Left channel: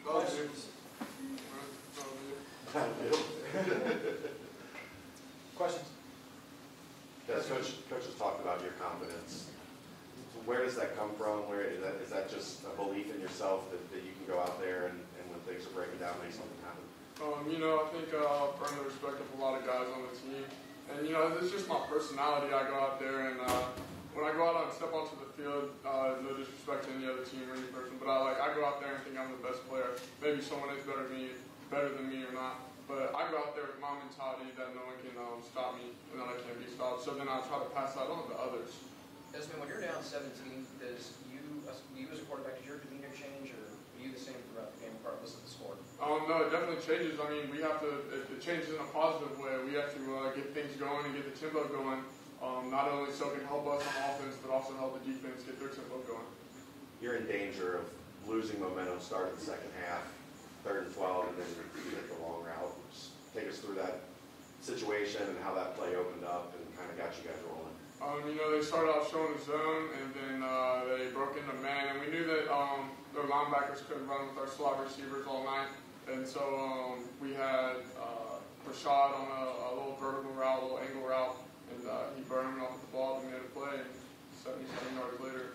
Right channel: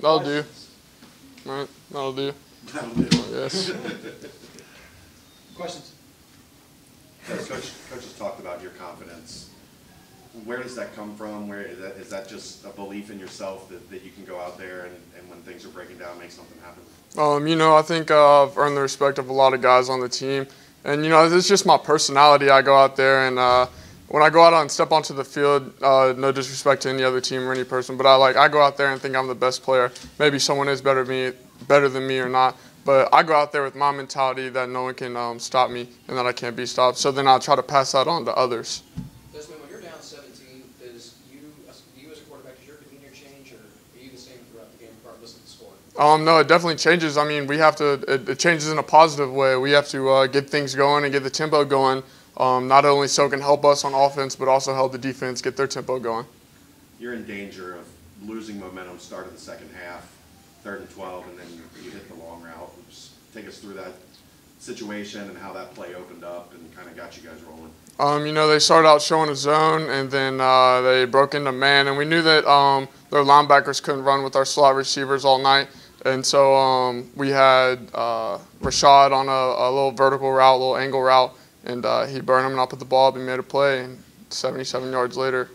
That'll do. All right, that'll do. That'll do. Yes. Questions? Coach has talked about your confidence. Where does that come from? Where is that just a belief in yourself that you can go out there and when things are breaking down, make something happen? You know, I think I've earned the respect of a lot of guys on the team. And, you know, it's just my personality. I go out there and when I go out and step onto the field, no disrespect to any other team or any person, but I go out there and think I'm the best player. Maybe someone is better than me or not. But I go out there with my mentality that no one can stop me and that I can't be stopped. So then I'll try to pass that on to others. Desmond, when you're down 17, does you as a quarterback, does your demeanor change, or are you the same throughout the game regardless of the score? No, it definitely changes. I mean, it changes in a positive way. We have to get things going and get the tempo going, not only so it can help us on offense, but also help the defense get their tempo going. You're in danger of losing momentum start of the second half, 3rd and 12, and then you hit the long route. Just take us through that situation and how that play opened up and kind of got you guys rolling. You know, they started out showing a zone, and then they broke into man, and we knew that their linebackers couldn't run with our slot receivers all night. And so we had Rashad on a little vertical route, a little angle route, and he burned him and I put the ball up and made a play. And 77 yards later,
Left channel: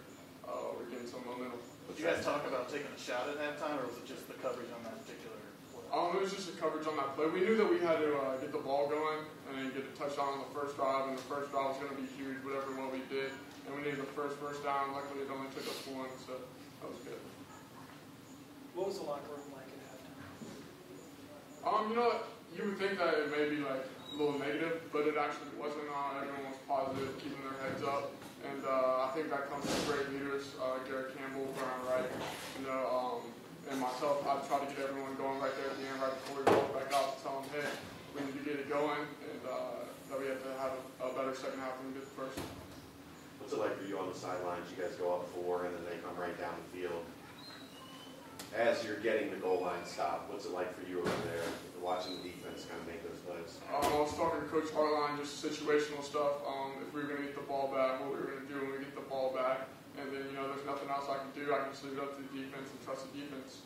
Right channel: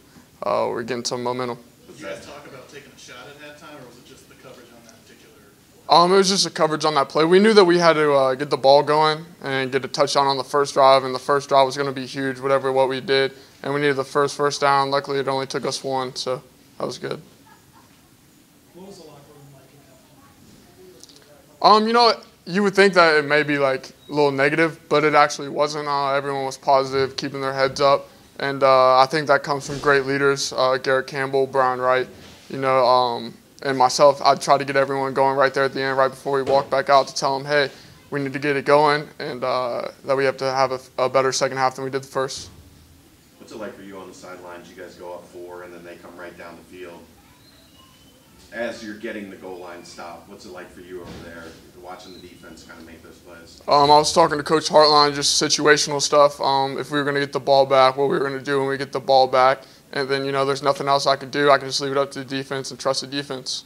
we're getting some momentum. Did you guys talk about taking a shot at halftime, or was it just the coverage on that particular play? It was just the coverage on that play. We knew that we had to get the ball going and get a touchdown on the first drive, and the first drive was going to be huge, what we did. And we needed the first down. Luckily, it only took us one, so that was good. What was the locker room like at halftime? You know, you would think that it may be like a little negative, but it actually wasn't. Everyone was positive, keeping their heads up. And I think that comes from great leaders, Garrett Campbell, Brian Wright, you know, and myself. I try to get everyone going right there at the end, right before we walk back out, to tell them, hey, we need to get it going, and that we have to have a better second half than we did the first. What's it like for you on the sidelines? You guys go up 4, and then they come right down the field. As you're getting the goal line stopped, what's it like for you over there, watching the defense kind of make those plays? I was talking to Coach Hartline, just situational stuff. If we were going to get the ball back, what we were going to do when we get the ball back. And then, you know, there's nothing else I could do. I can just leave it up to the defense and trust the defense.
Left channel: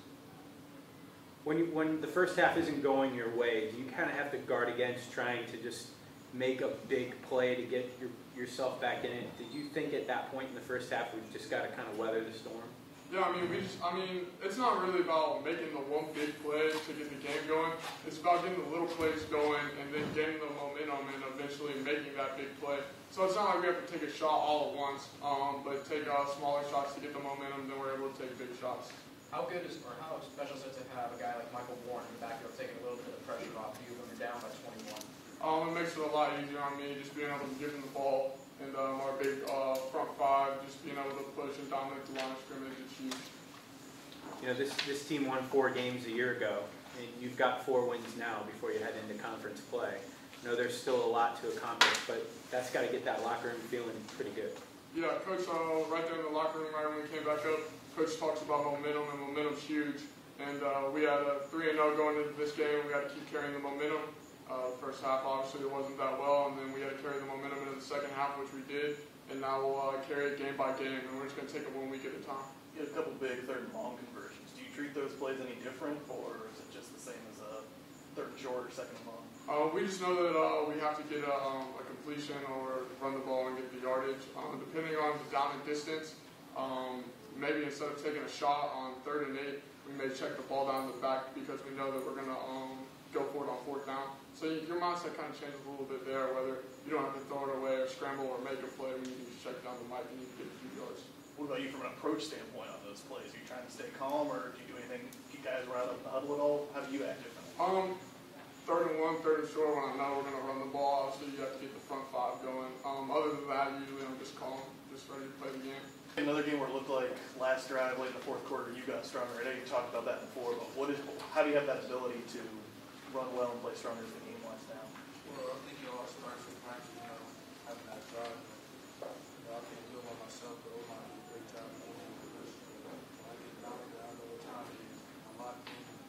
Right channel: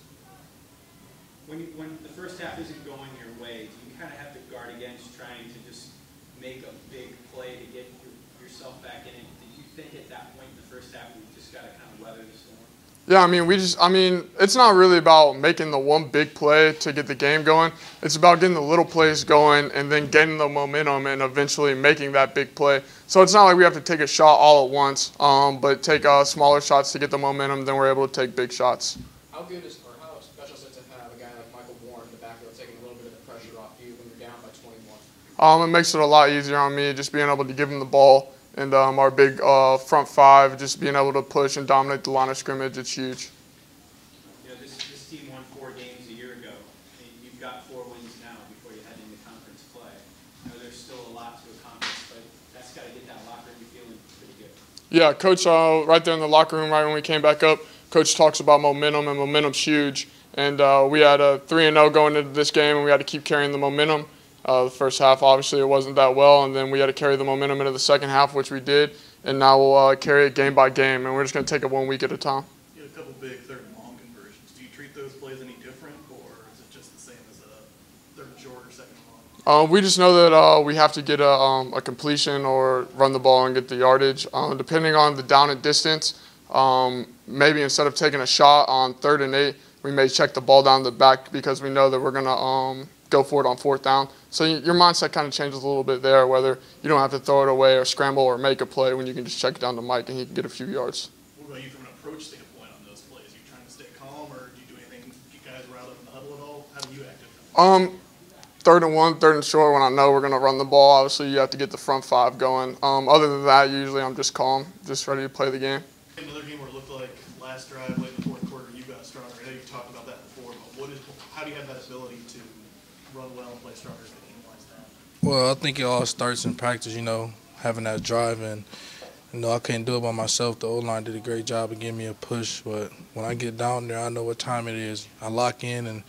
When the first half isn't going your way, do you kind of have to guard against trying to just make a big play to get yourself back in it? Did you think at that point in the first half we just got to kind of weather the storm? Yeah, I mean, it's not really about making the one big play to get the game going. It's about getting the little plays going and then getting the momentum and eventually making that big play. So it's not like we have to take a shot all at once, but take smaller shots to get the momentum, then we're able to take big shots. How good is, or how special is it to have a guy like Michael Warren in the backfield taking a little bit of the pressure off you when you're down by 21? It makes it a lot easier on me, just being able to give him the ball. And our big front five, just being able to push and dominate the line of scrimmage, it's huge. You know, this team won 4 games a year ago, and you've got 4 wins now before you head into conference play. I know there's still a lot to accomplish, but that's got to get that locker room feeling pretty good. Yeah, Coach, right there in the locker room, right when we came back up, Coach talks about momentum, and momentum's huge. And we had a 3-0 going into this game, and we had to keep carrying the momentum. The first half, obviously, it wasn't that well, and then we had to carry the momentum into the second half, which we did, and now we'll carry it game by game, and we're just going to take it 1 week at a time. You had a couple big 3rd and long conversions. Do you treat those plays any different, or is it just the same as a 3rd and short or 2nd and long? We just know that we have to get a completion or run the ball and get the yardage. Depending on the down and distance, maybe instead of taking a shot on 3rd and 8, we may check the ball down the back because we know that we're going to go for it on 4th down. So your mindset kind of changes a little bit there, whether you don't have to throw it away or scramble or make a play when you can just check it down to Mike and he can get a few yards. What about you from an approach standpoint on those plays? Are you trying to stay calm, or do you do anything, do you guys rile up in the huddle at all? How do you act differently? 3rd and 1, 3rd and short, when I know we're going to run the ball, obviously you have to get the front 5 going. Other than that, usually I'm just calm, just ready to play the game. Another game where it looked like last drive, late in the 4th quarter, you got stronger. I know you've talked about that before, but how do you have that ability to run well and play stronger as the game winds down? Well, I think it all starts in practice, you know, having that drive. And, you know, I couldn't do it by myself. The O-line did a great job of giving me a push. But when I get down there, I know what time it is. I lock in and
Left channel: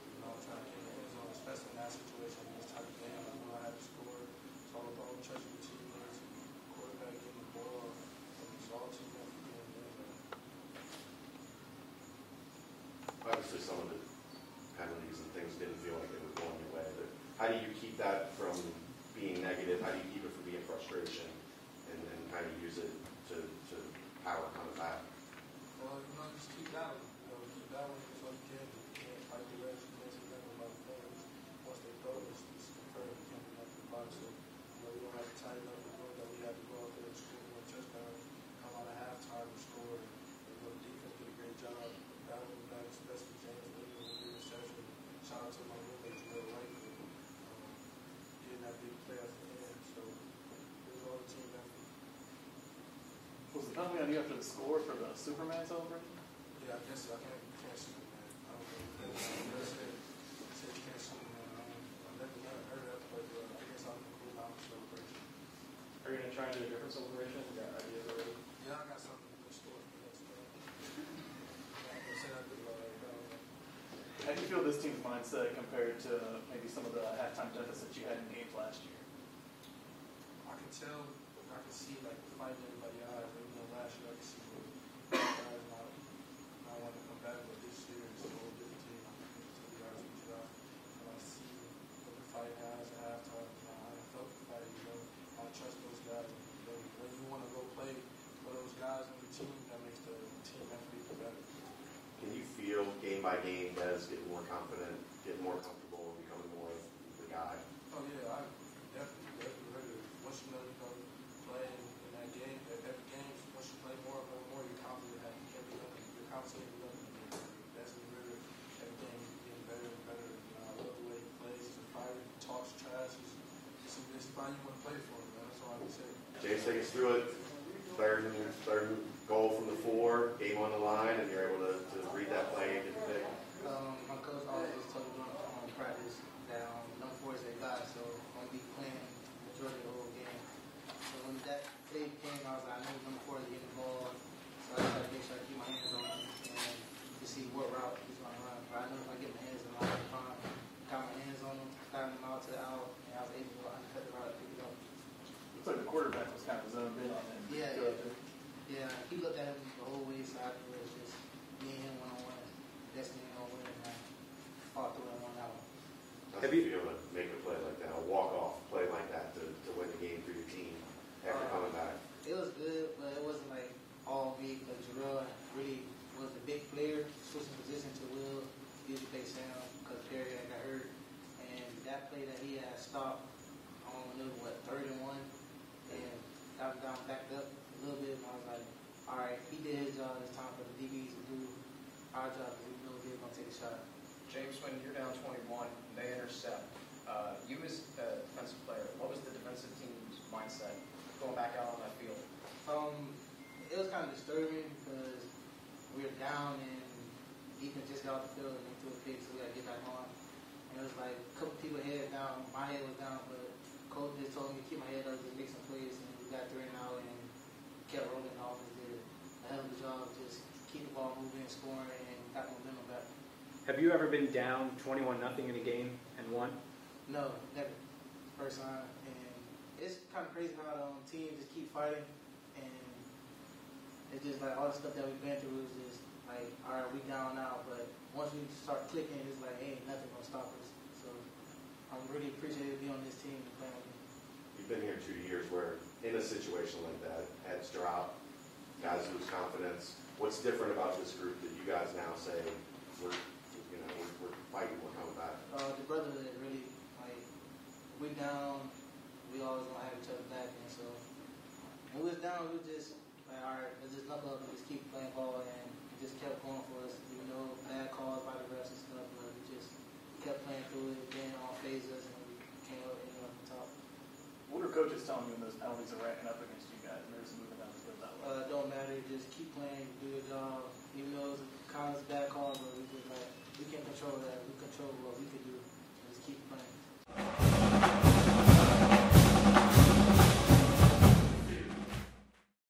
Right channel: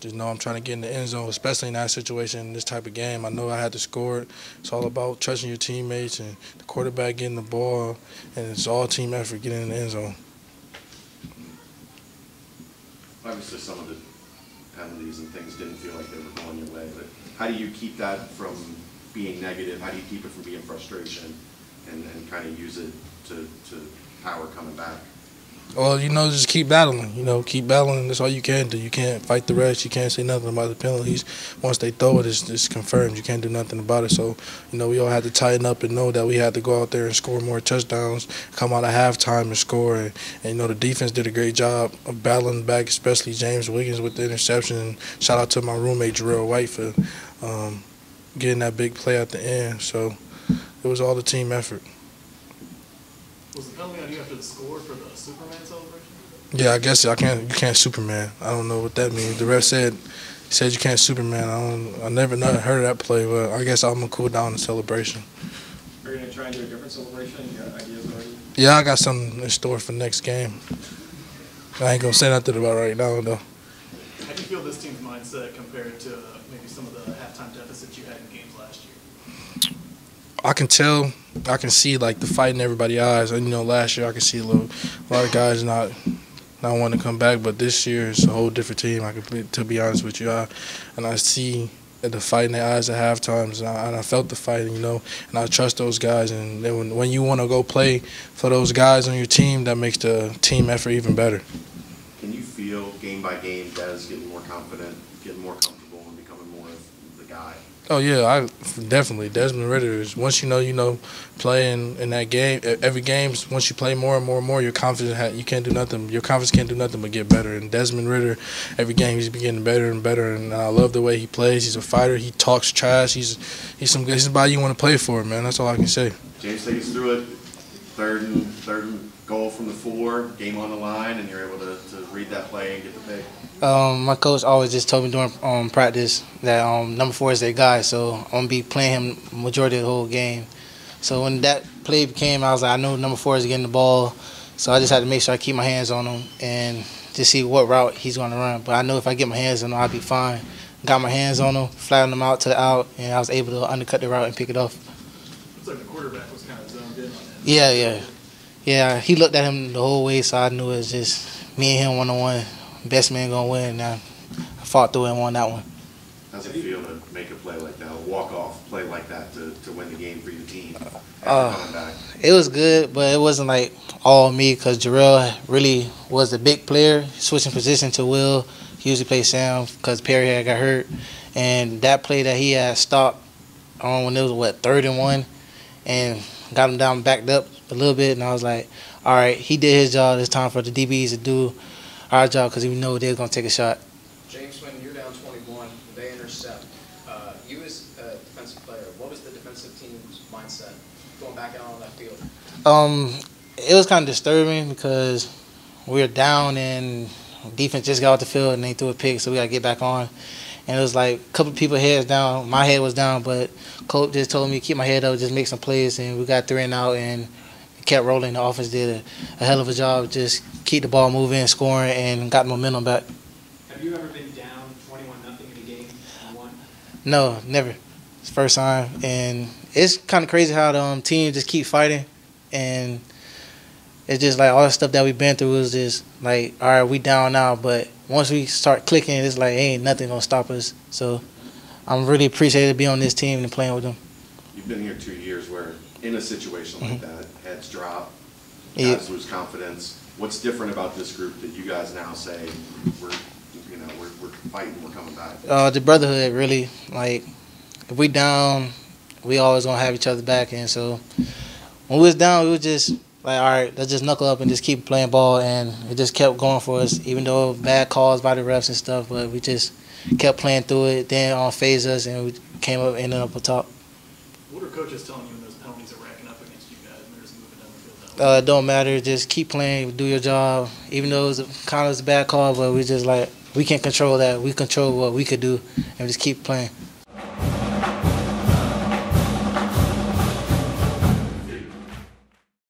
just know I'm trying to get in the end zone, especially in that situation, in this type of game. I know I had to score it. It's all about trusting your teammates and the quarterback getting the ball. And it's all team effort getting in the end zone. Obviously, some of the penalties and things didn't feel like they were going your way, but how do you keep that from being negative? How do you keep it from being frustration and kind of use it to power coming back? Well, just keep battling. Keep battling. That's all you can do. You can't fight the rest. You can't say nothing about the penalties. Once they throw it, it's confirmed. You can't do nothing about it. So, we all had to tighten up and know that we had to go out there and score more touchdowns, come out at halftime and score. And the defense did a great job of battling back, especially James Wiggins with the interception. And shout out to my roommate, Jarrell White, for getting that big play at the end. So it was all the team effort. Was the penalty on you after the score for the Superman celebration? Yeah, I guess you can't Superman. I don't know what that means. The ref said you can't Superman. I never heard of that play, but I guess I'm gonna cool down the celebration. Are you gonna try and do a different celebration? You got ideas already? Yeah, I got something in store for next game. I ain't gonna say nothing about it right now though. How do you feel this team's mindset compared to maybe some of the halftime deficits you had in games last year? I can see like the fight in everybody's eyes. And last year I could see a lot of guys not wanting to come back, but this year it's a whole different team. To be honest with you, and I see the fight in their eyes at halftimes, and I felt the fight, and I trust those guys. And then when you want to go play for those guys on your team, that makes the team effort even better. Can you feel game by game guys getting more confident, getting more comfortable, and becoming more of the guy? Oh yeah, definitely. Desmond Ridder is once playing in that game, every game. Once you play more and more and more, your confidence you can't do nothing. Your confidence can't do nothing but get better. And Desmond Ridder, every game he's been getting better and better. And I love the way he plays. He's a fighter. He talks trash. He's somebody you want to play for, man. That's all I can say. James, take us through it. Third and goal from the 4, game on the line, and you're able to read that play and get the pick. My coach always just told me during practice that number 4 is their guy, so I'm going to be playing him majority of the whole game. So when that play came, I was like, I know number 4 is getting the ball, so I just had to make sure I keep my hands on him and just see what route he's going to run. But I know if I get my hands on him, I'll be fine. Got my hands on him, flattened him out to the out, and I was able to undercut the route and pick it off. Looks like the quarterback was kind of zoned in on him. Yeah, he looked at him the whole way, so I knew it was just me and him one-on-one. Best man gonna win. And I fought through and won that one. How's it feel to make a play like that, a walk-off play like that to win the game for your team after coming back? It was good, but it wasn't like all me because Jarrell really was a big player, switching position to Will. He usually plays Sam because Perry had got hurt. And that play that he had stopped on when it was, 3rd and 1, and got him down, backed up a little bit, and I was like, all right, he did his job. It's time for the DBs to do our job because we know they're going to take a shot. James, when you're down 21, they intercept. You as a defensive player, what was the defensive team's mindset going back out on that field? It was kind of disturbing because we were down and defense just got off the field and they threw a pick, so we got to get back on. And it was like a couple of people's heads down. My head was down, but coach just told me to keep my head up, just make some plays, and we got 3 and out and kept rolling. The offense did a hell of a job, just keep the ball moving, scoring, and got momentum back. Have you ever been down 21-0 in a game and won? No, never. It's the first time. And it's kind of crazy how the team just keep fighting. And it's just like all the stuff that we've been through is just like, all right, we down now. But once we start clicking, it's like ain't nothing going to stop us. So I'm really appreciated to be on this team and playing with them. You've been here 2 years where in a situation like that, heads drop, Yeah. guys lose confidence. What's different about this group that you guys now say we're fighting, we're coming back? The brotherhood, really. Like, if we down, we always going to have each other back. And so when we was down, we was just like, all right, let's just knuckle up and just keep playing ball. And it just kept going for us, even though bad calls by the refs and stuff. But we just kept playing through it. Then phased us, and we ended up on top. What are coaches telling you when those penalties are racking up against you guys and they're just moving down the field? It don't matter. Just keep playing, do your job. Even though it was a bad call, but we just like, we can't control that. We control what we could do, and just keep playing.